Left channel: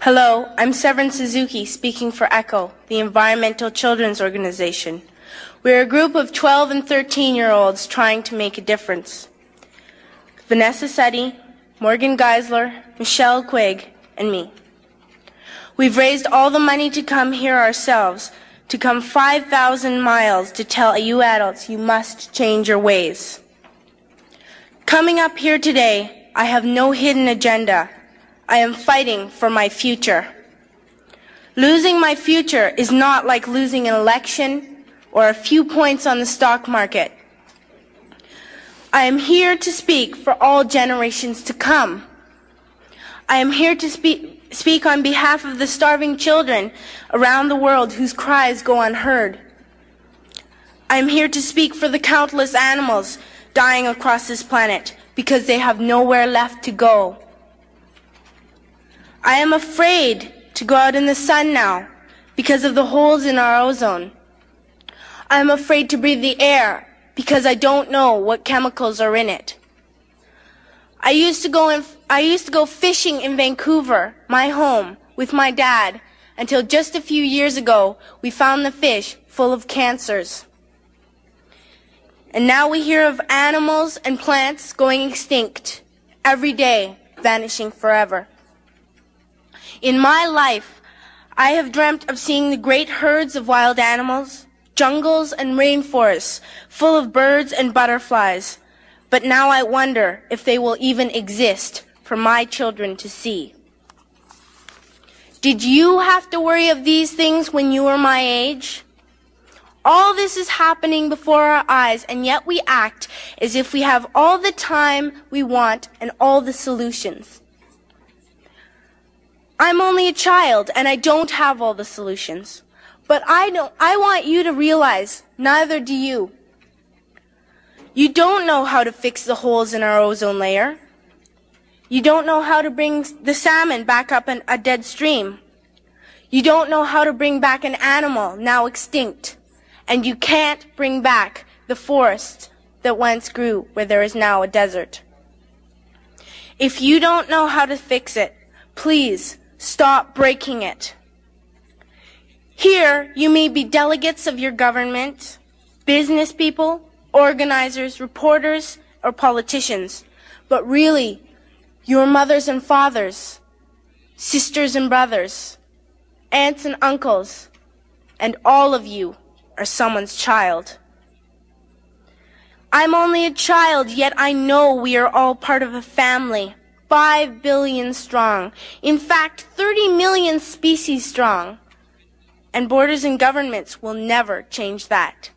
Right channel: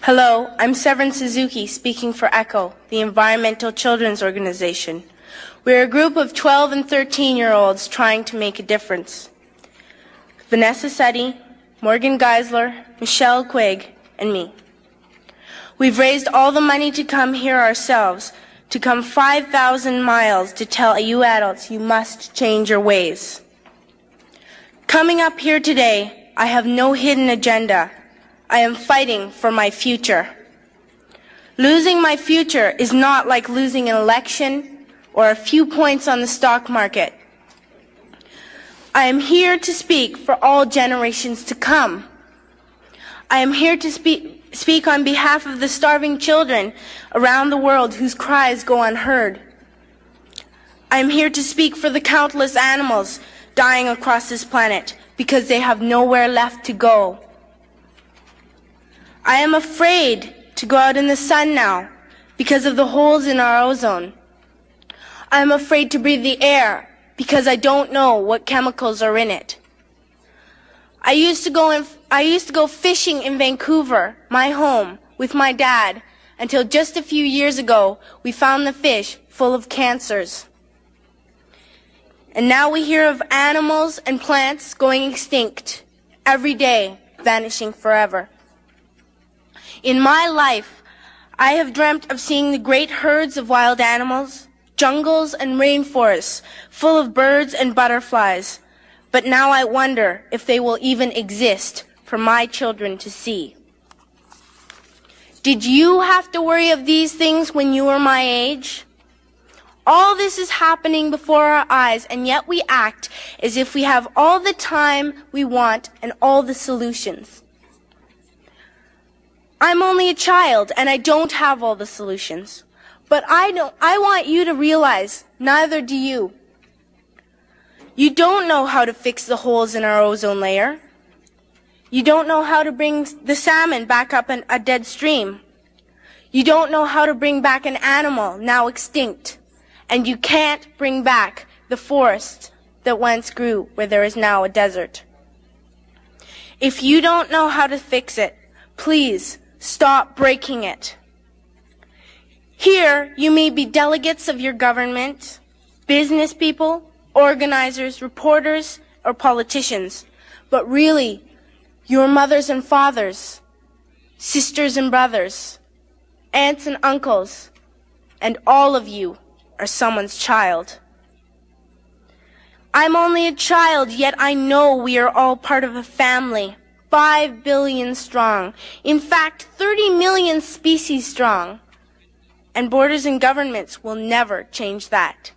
Hello, I'm Severn Suzuki speaking for ECHO, the Environmental Children's Organization. We're a group of 12 and 13-year-olds trying to make a difference. Vanessa Seti, Morgan Geisler, Michelle Quigg, and me. We've raised all the money to come here ourselves, to come 5,000 miles to tell you adults you must change your ways. Coming up here today, I have no hidden agenda. I am fighting for my future. Losing my future is not like losing an election or a few points on the stock market. I am here to speak for all generations to come. I am here to speak on behalf of the starving children around the world whose cries go unheard. I am here to speak for the countless animals dying across this planet because they have nowhere left to go. I am afraid to go out in the sun now because of the holes in our ozone. I am afraid to breathe the air because I don't know what chemicals are in it. I used to go fishing in Vancouver, my home, with my dad, until just a few years ago we found the fish full of cancers. And now we hear of animals and plants going extinct every day, vanishing forever. In my life, I have dreamt of seeing the great herds of wild animals, jungles and rainforests full of birds and butterflies, but now I wonder if they will even exist for my children to see. Did you have to worry of these things when you were my age? All this is happening before our eyes, and yet we act as if we have all the time we want and all the solutions. I'm only a child, and I don't have all the solutions. But I want you to realize, neither do you. You don't know how to fix the holes in our ozone layer. You don't know how to bring the salmon back up in a dead stream. You don't know how to bring back an animal now extinct. And you can't bring back the forest that once grew where there is now a desert. If you don't know how to fix it, please stop breaking it. Here, you may be delegates of your government, business people, organizers, reporters, or politicians, but really, your mothers and fathers, sisters and brothers, aunts and uncles, and all of you are someone's child. I'm only a child, yet I know we are all part of a family. 5 billion strong, in fact 30 million species strong, and borders and governments will never change that.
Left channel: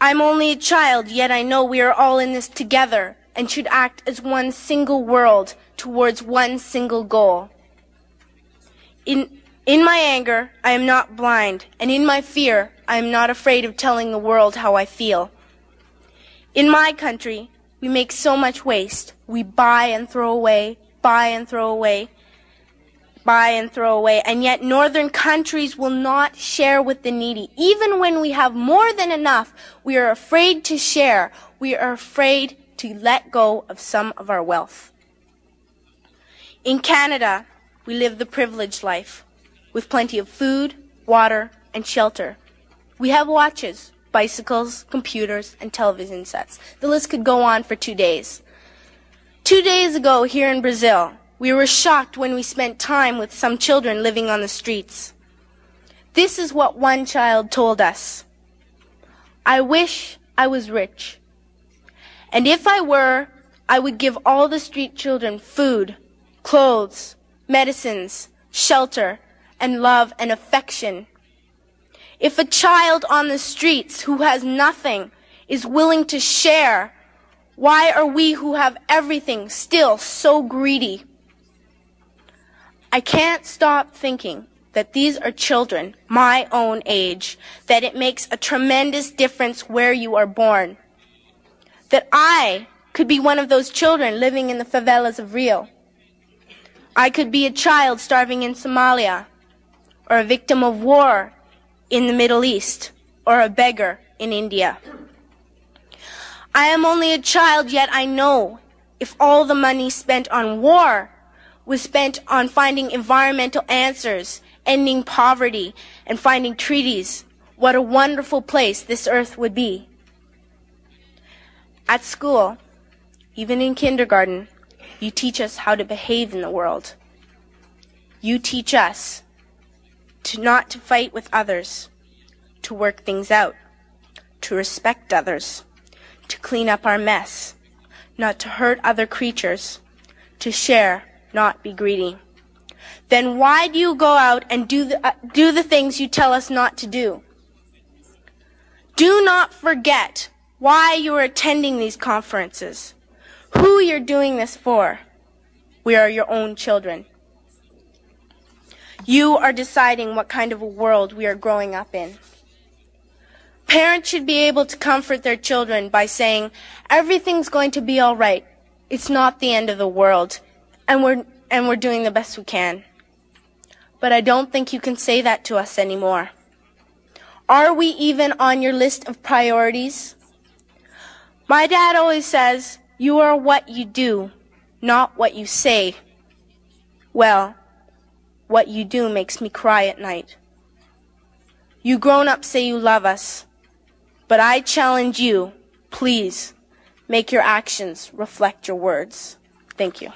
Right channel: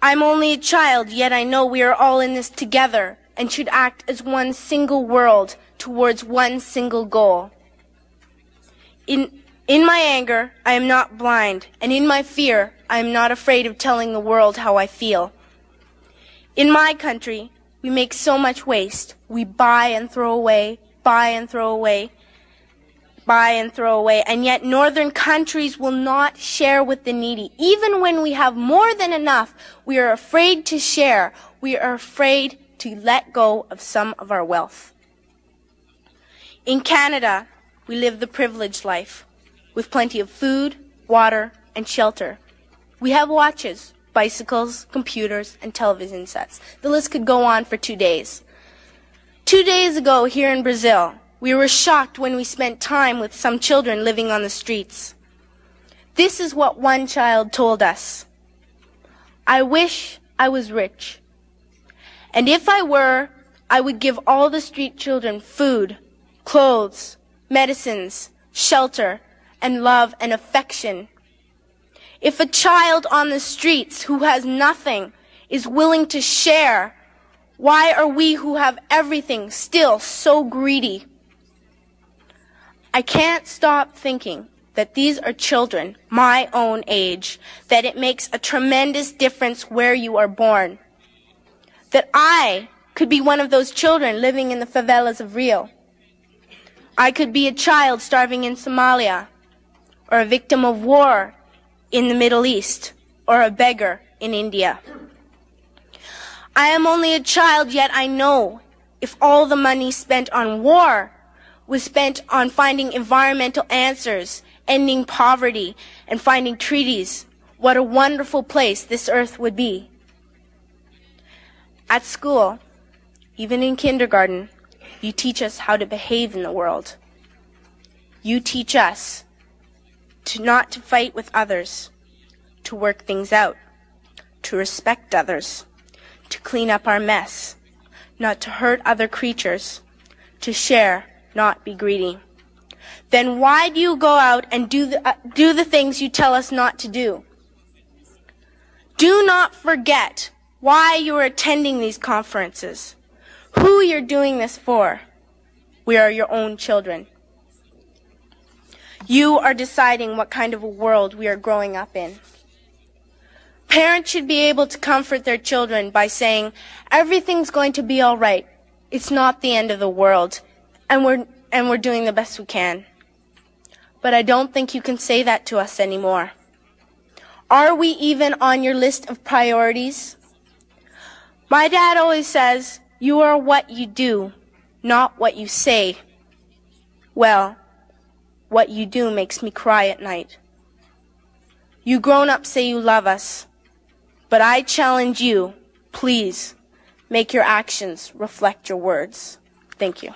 I'm only a child, yet I know we are all in this together and should act as one single world towards one single goal. In my anger, I am not blind, and in my fear, I am not afraid of telling the world how I feel. In my country, we make so much waste. We buy and throw away, buy and throw away, buy and throw away. And yet northern countries will not share with the needy. Even when we have more than enough, we are afraid to share. We are afraid to let go of some of our wealth. In Canada, we live the privileged life with plenty of food, water, and shelter. We have watches, bicycles, computers, and television sets. The list could go on for 2 days. 2 days ago here in Brazil, we were shocked when we spent time with some children living on the streets. This is what one child told us. I wish I was rich. And if I were, I would give all the street children food, clothes, medicines, shelter, and love and affection. If a child on the streets who has nothing is willing to share, why are we who have everything still so greedy? I can't stop thinking that these are children my own age, that it makes a tremendous difference where you are born. That I could be one of those children living in the favelas of Rio. I could be a child starving in Somalia, or a victim of war in the Middle East, or a beggar in India. I am only a child, yet I know if all the money spent on war was spent on finding environmental answers, ending poverty, and finding treaties, what a wonderful place this earth would be. At school, even in kindergarten, you teach us how to behave in the world. You teach us not to fight with others, to work things out, to respect others, to clean up our mess, not to hurt other creatures, to share, not be greedy. Then why do you go out and do the things you tell us not to do? Do not forget why you are attending these conferences, who you're doing this for. We are your own children. You are deciding what kind of a world we are growing up in. Parents should be able to comfort their children by saying, everything's going to be all right. It's not the end of the world, and we're doing the best we can. But I don't think you can say that to us anymore. Are we even on your list of priorities? My dad always says, you are what you do, not what you say. Well, what you do makes me cry at night. You grown-ups say you love us, but I challenge you, please, make your actions reflect your words. Thank you.